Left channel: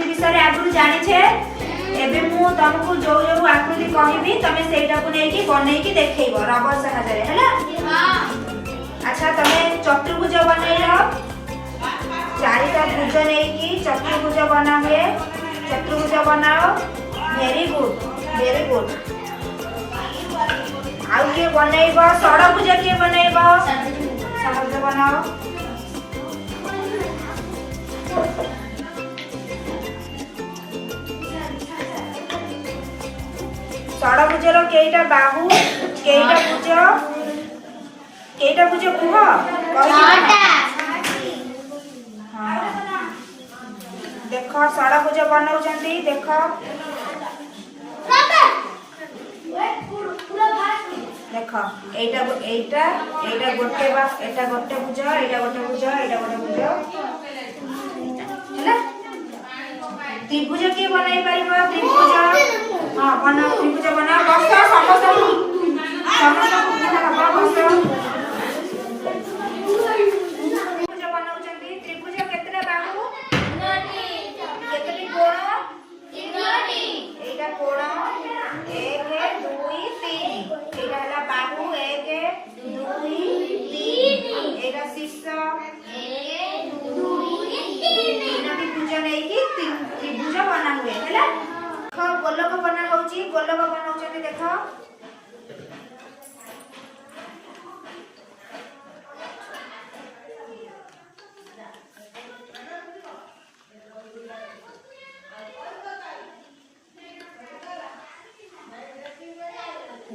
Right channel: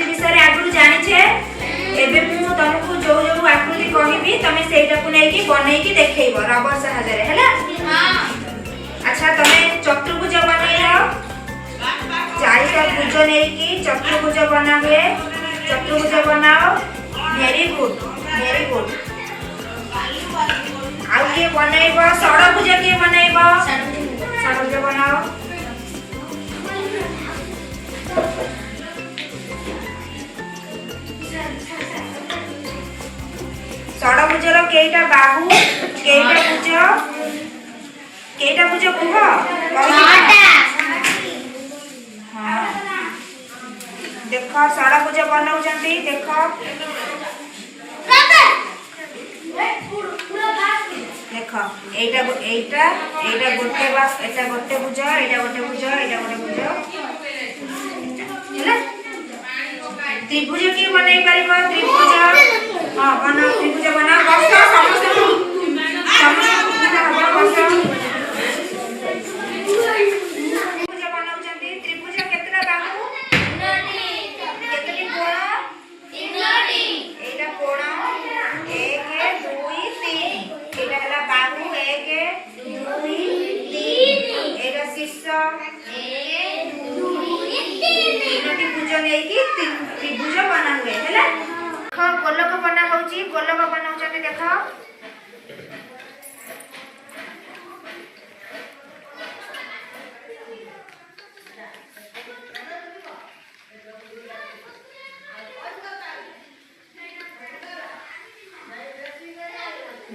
आकृति विषय रे आगु जानिछे एबे मु तुमको जो जो आकृति कहबी तमे सेटा को नै कि बनै कि देखैबो रबर सहायता रे हैला। हां अच्छा तमे चतुर्भुज बनैयो चारिटा भुज नै कि चतुर्भुज बना हुए चतुर्भुज बनाओ वेरी गुड वेरी गुड। आउ के बनैबो षडभुज के बनैबो षडभुज बनाओ। षडभुजर केइटा बाहु केइटा भुज कुह देख षडभुज बनाउछंती देख देख एटा एटा एटा गोटे बास एटा गोटे भुज एटा गोटे भुज एटा गोटे भुज हैला। त्रिभुज के बनाई परिबो त्रिभुज हां बना त्रिभुज बना बस समस्त पूरा हबो बस त्रिभुज बनाउछंती त्रिभुज केतरा बाहु केतरी कोण तीनटी एटा कोण 1 2 3 एटा हला बाहु 1 2 3 एटा शीर्ष 1 2 3 तीनटी भुज नै कि त्रिभुज बना हुए हैला। गोलक बना होची गोलक बनाउछंती देख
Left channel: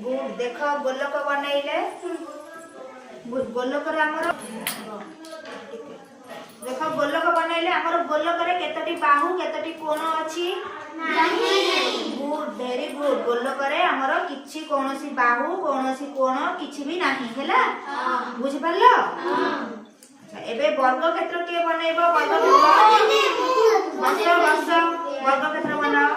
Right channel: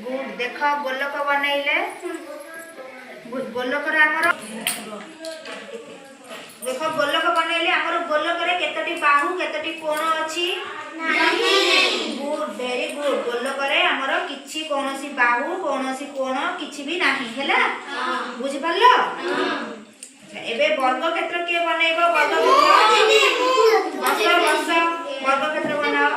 गुड देख गोलक बनैले गोलक रे हमर देख गोलक बनैले हमर गोलक रे केतटी बाहु केतटी कोण अछि गुड वेरी गुड गोलक रे हमर किछि कोनोसी बाहु कोनोसी कोण किछि भी नाही हैला बुझि परलो। अच्छा एबे वर्ग क्षेत्र के बनैबो वर्ग क्षेत्र बस वर्ग क्षेत्र बनाओ।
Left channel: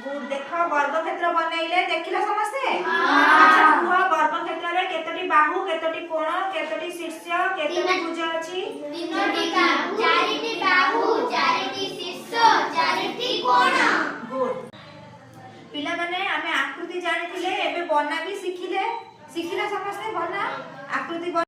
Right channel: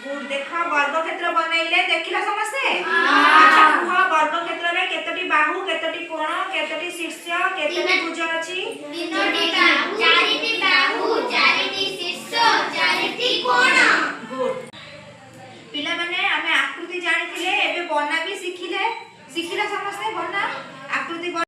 गुड देख वर्ग क्षेत्र बनैले देखिला समस्ते अच्छा कुह वर्ग क्षेत्र रे केतटी बाहु केतटी कोण केतटी शीर्ष केतटी भुज अछि तीनटी बाहु चारिटी बाहु चारिटी शीर्ष चारिटी कोण। गुड पिला माने हमें आकृति जानिथिले एबे बना भी सिखिले समस्ते बना